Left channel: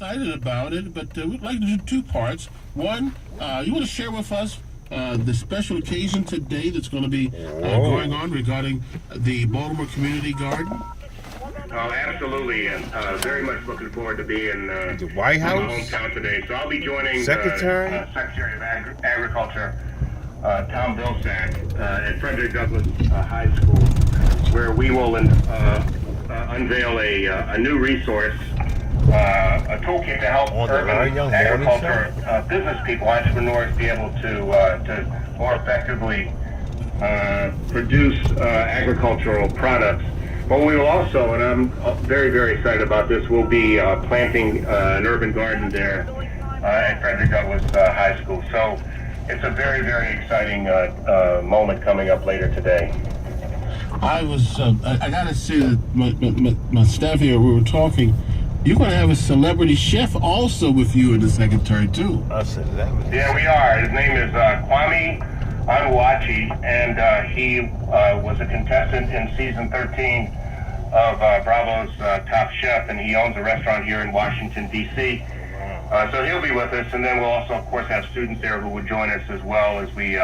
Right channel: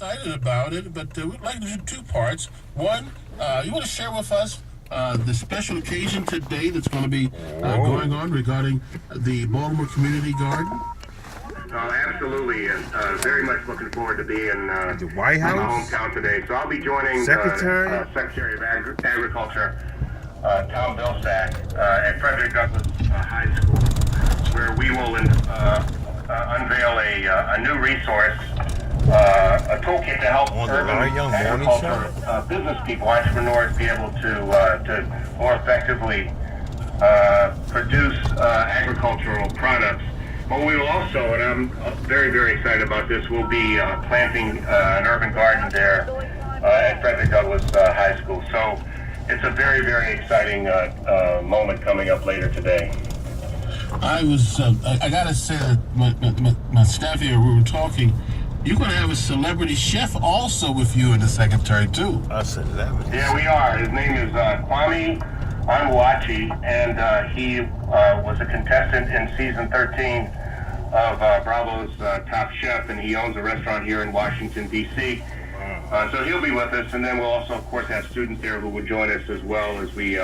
excited about it, but we'd like to do two parts. One, you want to share with us the special occasion today that's going to be going on regarding the Baltimore Community Garden? Oh, absolutely, and very much looking forward to being the White House, in my hometown today. So I'll be joining Secretary of Agriculture, Tom Vilsack, at Frederick Douglass High School, where we will unveil a new resource, a toolkit to help urban agriculture business people, entrepreneurs, be able to more effectively produce agricultural products. But we will also, and I'm very, very excited about this, we'll be planting an urban garden there at Frederick Douglass High School. So it's a very, very exciting moment coming up later today. I gotta say that my staff here, we were talking, you're gonna have a celebrity chef also with you and the secretary too. A celebrity? Yeah, we are. His name is Kwame Onwuachi, and he was a contestant in season 13 of Bravo's Top Chef, and he owns a restaurant here in Washington, D.C. So he'll be with us, and then we'll also, of course, have students there who will join us as well as we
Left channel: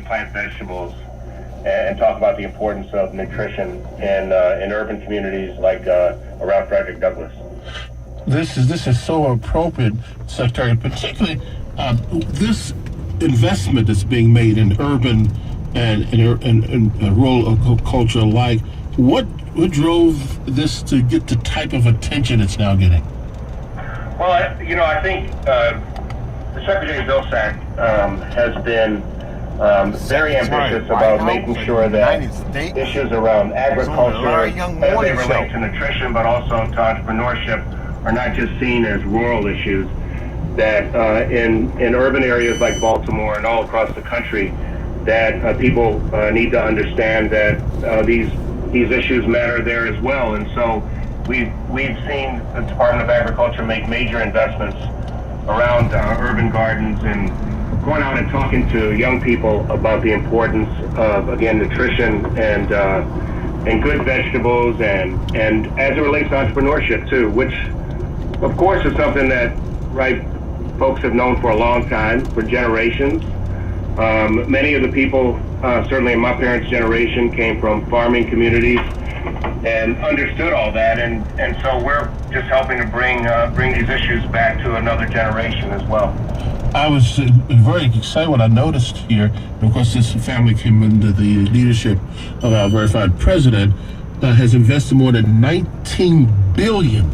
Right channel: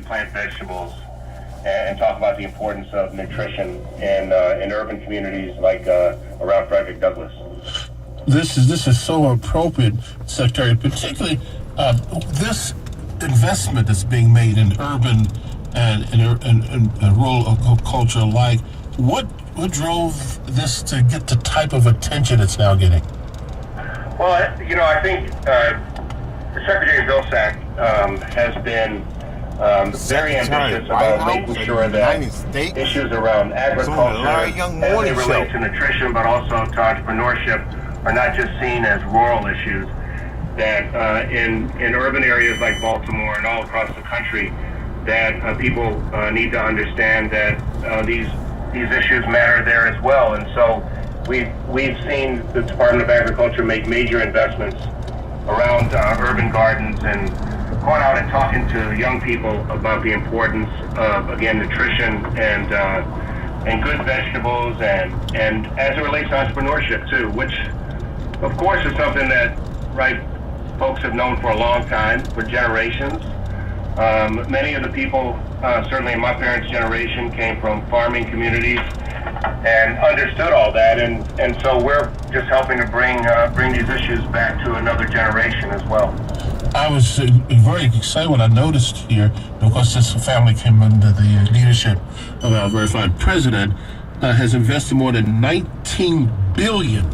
plant vegetables and talk about the importance of nutrition in urban communities like around Frederick Douglass. This is so appropriate, Secretary, particularly this investment that's being made in urban and rural culture alike. What drove this to get the type of attention it's now getting? Well, I think Secretary Vilsack has been very ambitious about making sure that issues around agriculture as they relate to nutrition, but also to entrepreneurship, are not just seen as rural issues. That in urban areas like Baltimore and all across the country, that people need to understand that these issues matter there as well. And so we've seen the Department of Agriculture make major investments around urban gardens and going out and talking to young people about the importance of, again, nutrition and good vegetables and as it relates to entrepreneurship too, which of course is something that folks have known for a long time, for generations. Many of the people, certainly in my parents' generation, came from farming communities and understood all that, and so we're just helping to bring these issues back to another generation as well. I was very excited when I noticed here, because this family came under the leadership of our very fine president, has invested more than $19 billion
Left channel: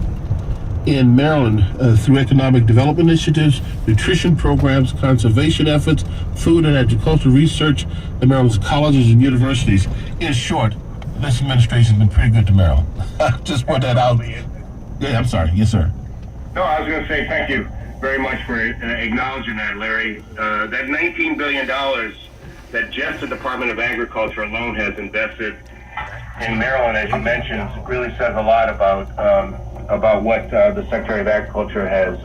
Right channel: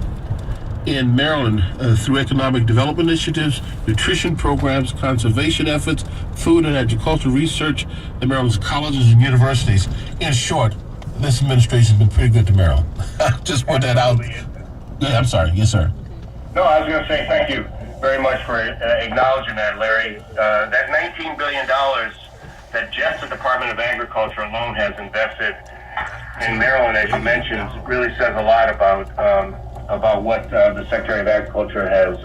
in Maryland through economic development initiatives, nutrition programs, conservation efforts, food and agricultural research at Maryland's colleges and universities. In short, this administration has been pretty good to Maryland. Just put that out. Yeah, I'm sorry. Yes, sir. No, I was going to say thank you very much for acknowledging that, Larry. That $19 billion that just the Department of Agriculture alone has invested in Maryland, as you mentioned, really says a lot about what the Secretary of Agriculture has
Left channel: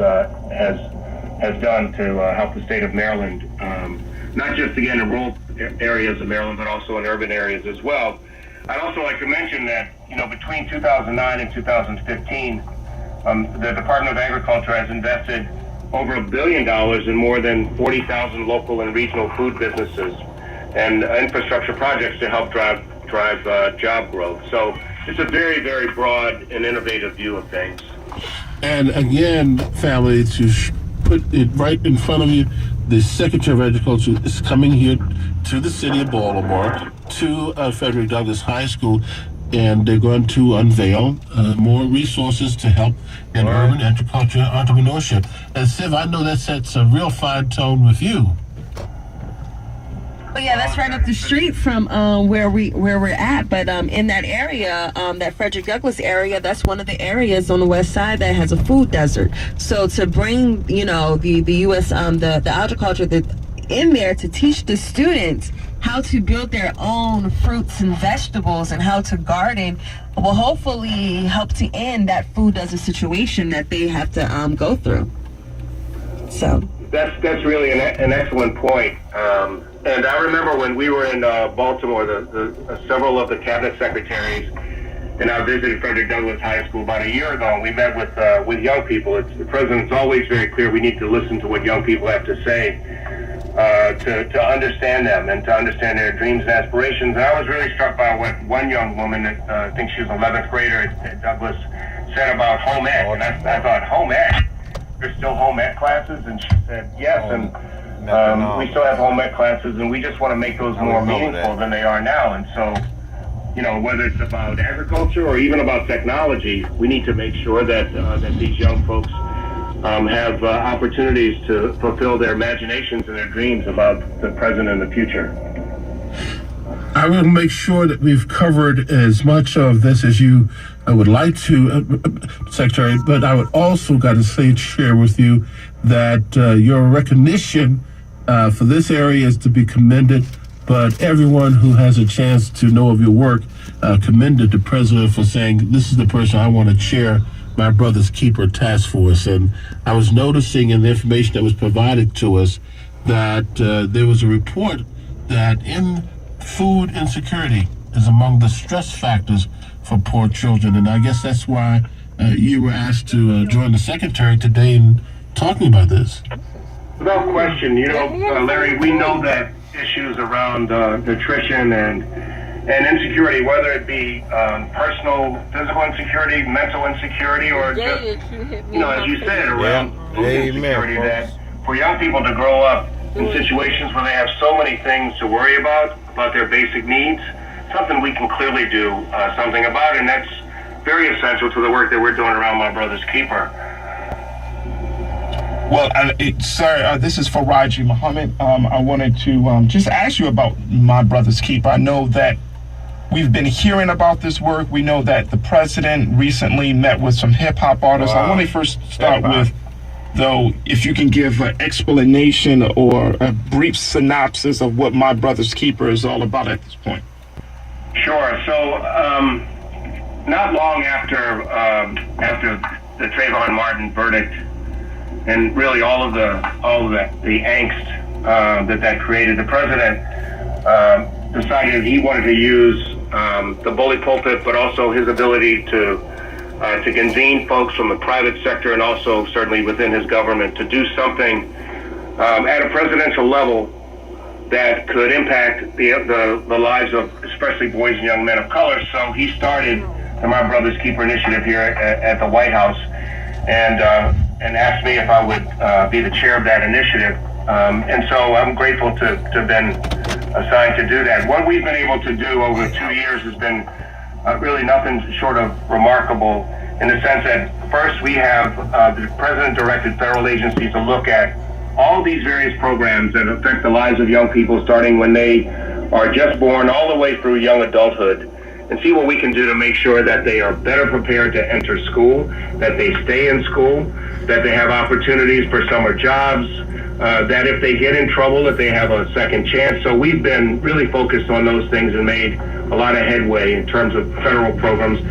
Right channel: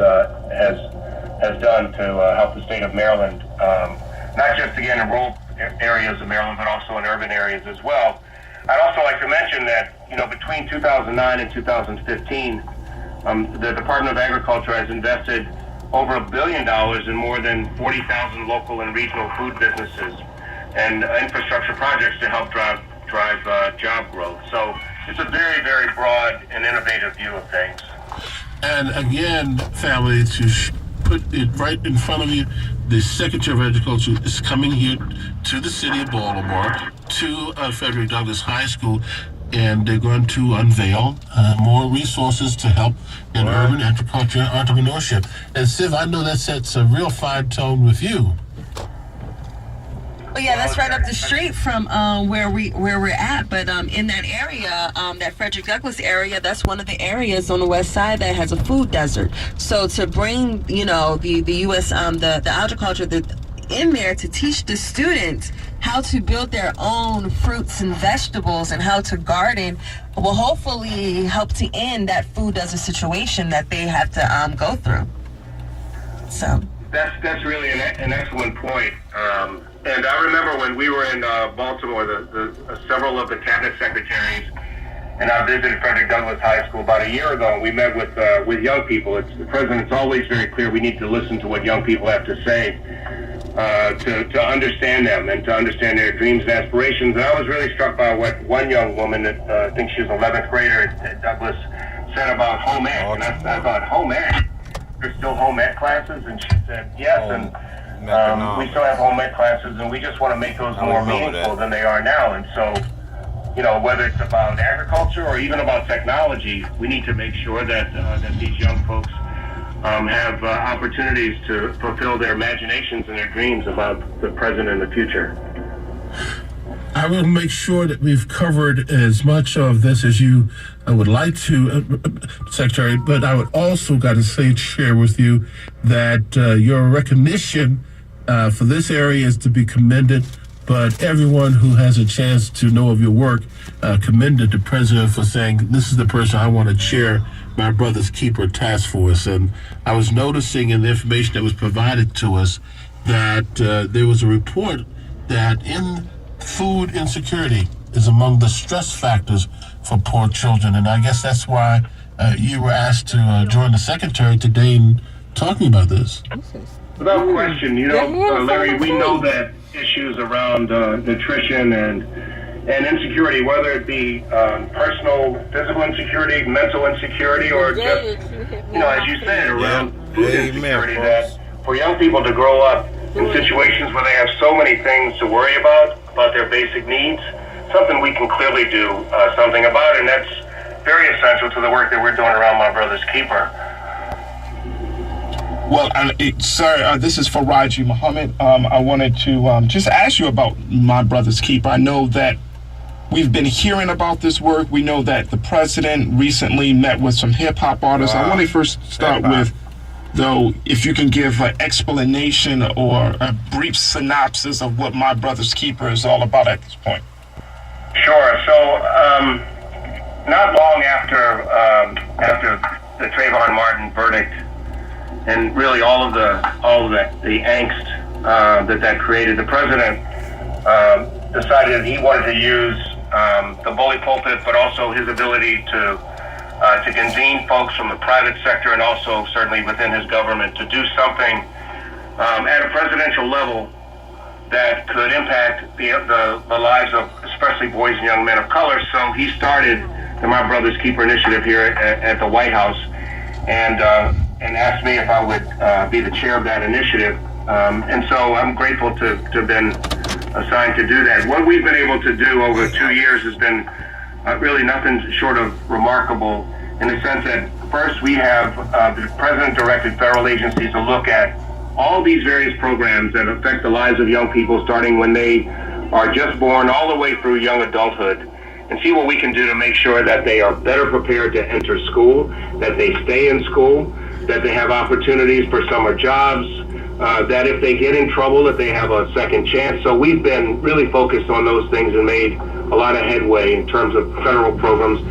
done to help the state of Maryland, not just again in rural areas of Maryland, but also in urban areas as well. I'd also like to mention that between 2009 and 2015, the Department of Agriculture has invested over $1 billion in more than 40,000 local and regional food businesses and infrastructure projects to help drive job growth. So it's a very, very broad and innovative view of things. And again, family, to put it right in front of you, the Secretary of Agriculture is coming here to the city of Baltimore, to Frederick Douglass High School, and they're going to unveil more resources to help in urban agriculture and entrepreneurship. And Siv, I know that sets a real fine tone with you. Well, yeah, that's right up the street from where we're at. But in that area, that Frederick Douglass area, that's one of the areas on the west side that has a food desert. So to bring, the U.S. the agriculture in there to teach the students how to build their own fruits and vegetables and how to garden will hopefully help to end that food desert situation that they have to go through. So that's really an excellent point. And I remember when we were in Baltimore, several of the cabinet secretaries and I visited Frederick Douglass High School about a year ago, and we met with young people. The president's always very clear. We need to listen to what young people have to say to understand them and to understand their dreams and aspirations. And I was really struck by what one young woman, I think she was an 11th grader at Douglass, said about home ec. And I thought, home ec? There's still home ec classes? And she said, yes. And we still have home ec classes, and we just want to make those more meaningful than they are now. And so, whether it's about agriculture or even about technology, we need to make sure that that these young folks have opportunities to fulfill their imaginations and their dreams about the present and the future. I will make sure that we've covered as much of this as you would like to, Secretary, but I would also got to share with you that your recognition for this area is to be commended, but everyone who has a chance to know of your work commended the president for saying, this is the person I want to chair my Brother's Keeper Task Force. And I was noticing in the information that was provided to us that there was a report that food insecurity is among the stress factors for poor children. And I guess that's why you were asked to join the Secretary today in talking about this. Without question, Larry, we know that issues around nutrition and insecurity, whether it be personal, physical insecurity, mental insecurity, or just, as you said, around food insecurity, that for young people to grow up in situations where they have so many things to worry about their basic needs, something we can clearly do something about, and that's very essential to the work that we're doing around My Brother's Keeper. Well, sir, this is Faraji Muhammad. I wanted to just ask you about My Brother's Keeper. I know that we've been hearing about this work. We know that the president recently met with some hip-hop artists. I want to first start with, though, if you can give an explanation or a brief synopsis of what My Brother's Keeper is all about at this point. Sure. So, not long after the Trayvon Martin verdict, and really all of the angst that created, the president decided he wanted to use the bully pulpit, but also his ability to convene folks from the private sector and also certainly within his government to do something at a presidential level that could impact the lives of especially boys and young men of color. So he started the My Brother's Keeper initiative here at the White House, and asked me if I would be the chair of that initiative. And so I'm grateful to have been assigned to do that. What we've been able to do over 2 years has been really nothing short of remarkable, in the sense that first we have the president directed federal agencies to look at all these various programs that affect the lives of young people, starting when they are just born all the way through young adulthood, and see what we can do to make sure that they are better prepared to enter school, that they stay in school, that they have opportunities for summer jobs, that if they get in trouble, that they have a second chance. So we've been really focused on those things and made a lot of headway in terms of federal programs.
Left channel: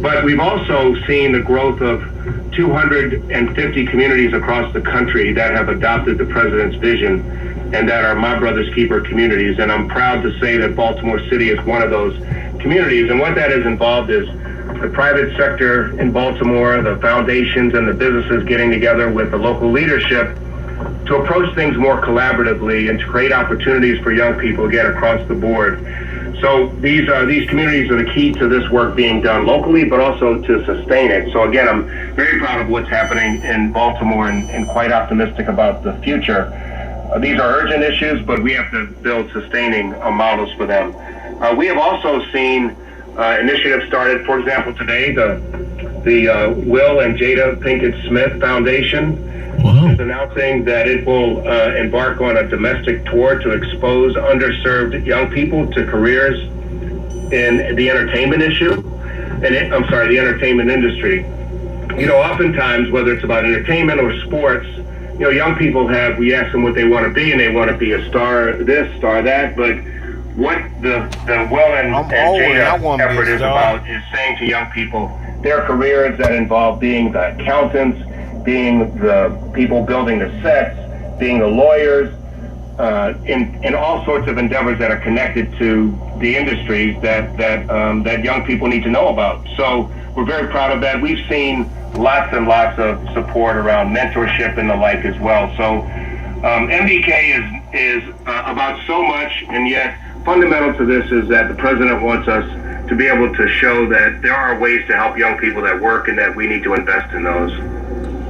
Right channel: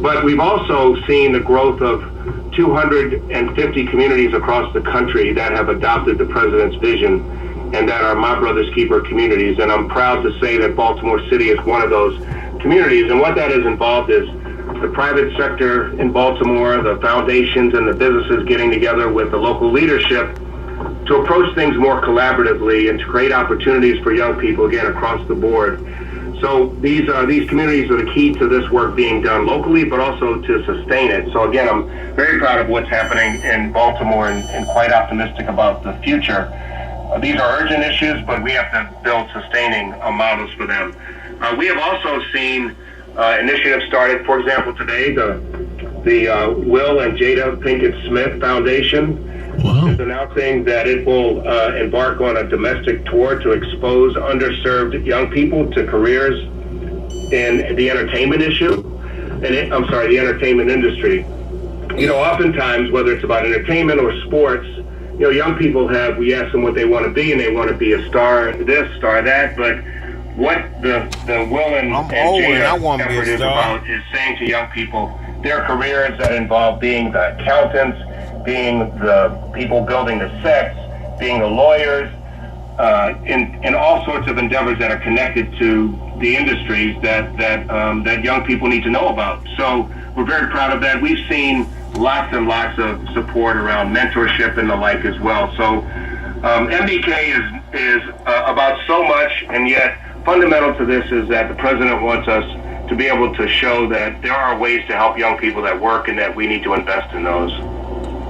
But we've also seen the growth of 250 communities across the country that have adopted the president's vision and that are My Brother's Keeper communities. And I'm proud to say that Baltimore City is one of those communities. And what that is involved is the private sector in Baltimore, the foundations and the businesses getting together with the local leadership to approach things more collaboratively and to create opportunities for young people again across the board. So these communities are the key to this work being done locally, but also to sustain it. So again, I'm very proud of what's happening in Baltimore and quite optimistic about the future. These are urgent issues, but we have to build sustaining models for them. We have also seen initiatives started, for example, today, the Will and Jada Pinkett Smith Foundation is announcing that it will embark on a domestic tour to expose underserved young people to careers in the entertainment the entertainment industry. Oftentimes, whether it's about entertainment or sports, young people we ask them what they want to be, and they want to be a star this, star that, but what the Will and Jada effort is about is saying to young people, their careers that involve being the accountants, being the people building the sets, being the lawyers, in all sorts of endeavors that are connected to the industries that young people need to know about. So we're very proud of that. We've seen lots and lots of support around mentorship and the like as well. So MBK is about so much, and yet fundamental to this is that the president wants us to be able to show that there are ways to help young people that work and that we need to invest in those.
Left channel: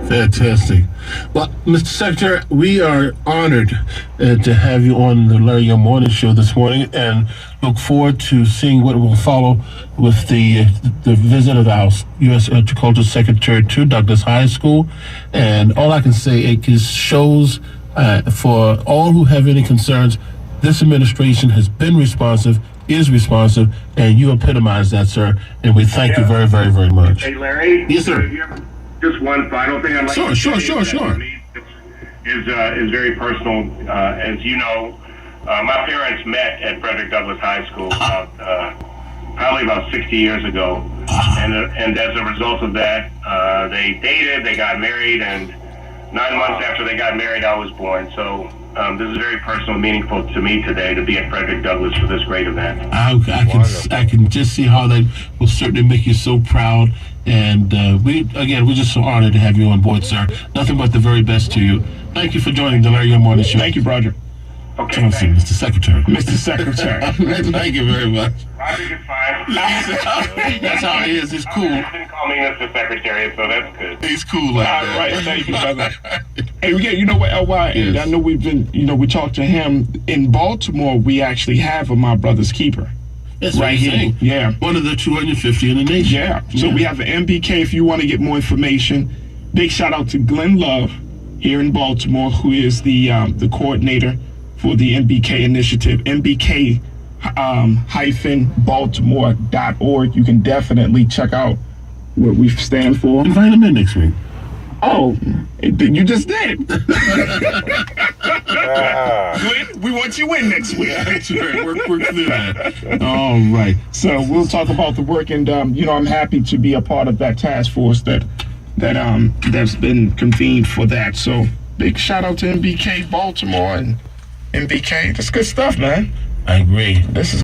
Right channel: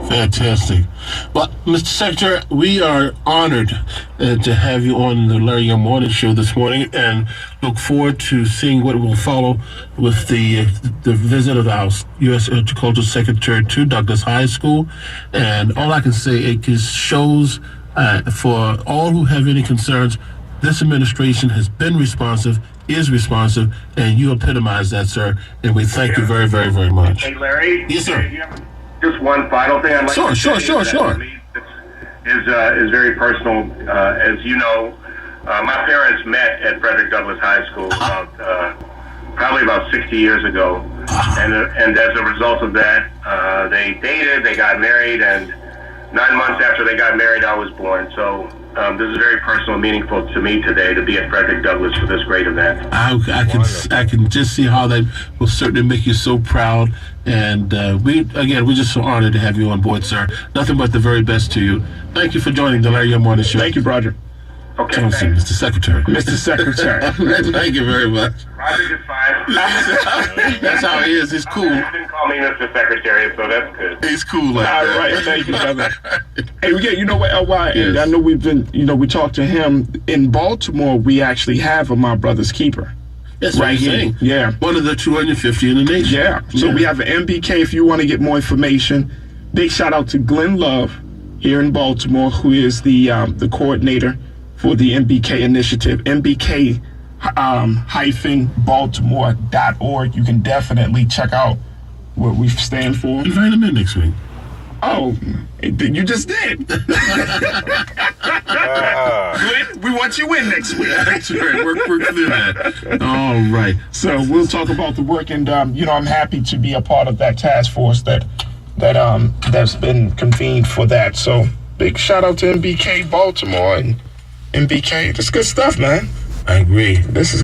Fantastic. Well, Mr. Secretary, we are honored to have you on the Larry Young Morning Show this morning, and look forward to seeing what will follow with the visit of our U.S. Agricultural Secretary to Douglas High School. And all I can say, it just shows for all who have any concerns, this administration has been responsive, is responsive, and you epitomize that, sir. And we thank you very, very, very much. Hey, Larry. Yes, sir. Just one final thing I'd like to say. Sure. Is very personal. As you know, my parents met at Frederick Douglass High School probably about 60 years ago, and as a result of that, they dated, they got married, and 9 months after they got married, I was born. So this is very personal and meaningful to me today to be at Frederick Douglass for this great event. I can just see how that will certainly make you so proud. And we're just so honored to have you on board, sir. Nothing but the very best to you. Thank you for joining the Larry Young Morning Show. Thank you, Roger. Okay, Johnson, Mr. Secretary. Mr. Secretary. Thank you very much. Roger is fine. That's how he is. He's cool. You didn't call me Mr. Secretary, so that's good. He's cool like All that. right, thank you, brother. Hey, yeah, you know what, LY? And Yes. I know we talked to him in Baltimore. We actually have a My Brother's Keeper. That's what Right I'm here. saying. Yeah. One of the 250 in the nation. Yeah. So we have an MBK if you want to get more information. Big shout out to Glenn Love here in Baltimore, who is the coordinator for the MBK initiative. MBK Baltimore.org. You can definitely check out what we stand for. Invite him in next week. Oh, you just did. Good. We want you in next week. That's right. We're through that. All right. So we'll talk about the work, and I'm happy to be a part of that task force that's been convened for that. So big shout out to MBK Baltimore and MBK. That's good stuff, man. I agree. This is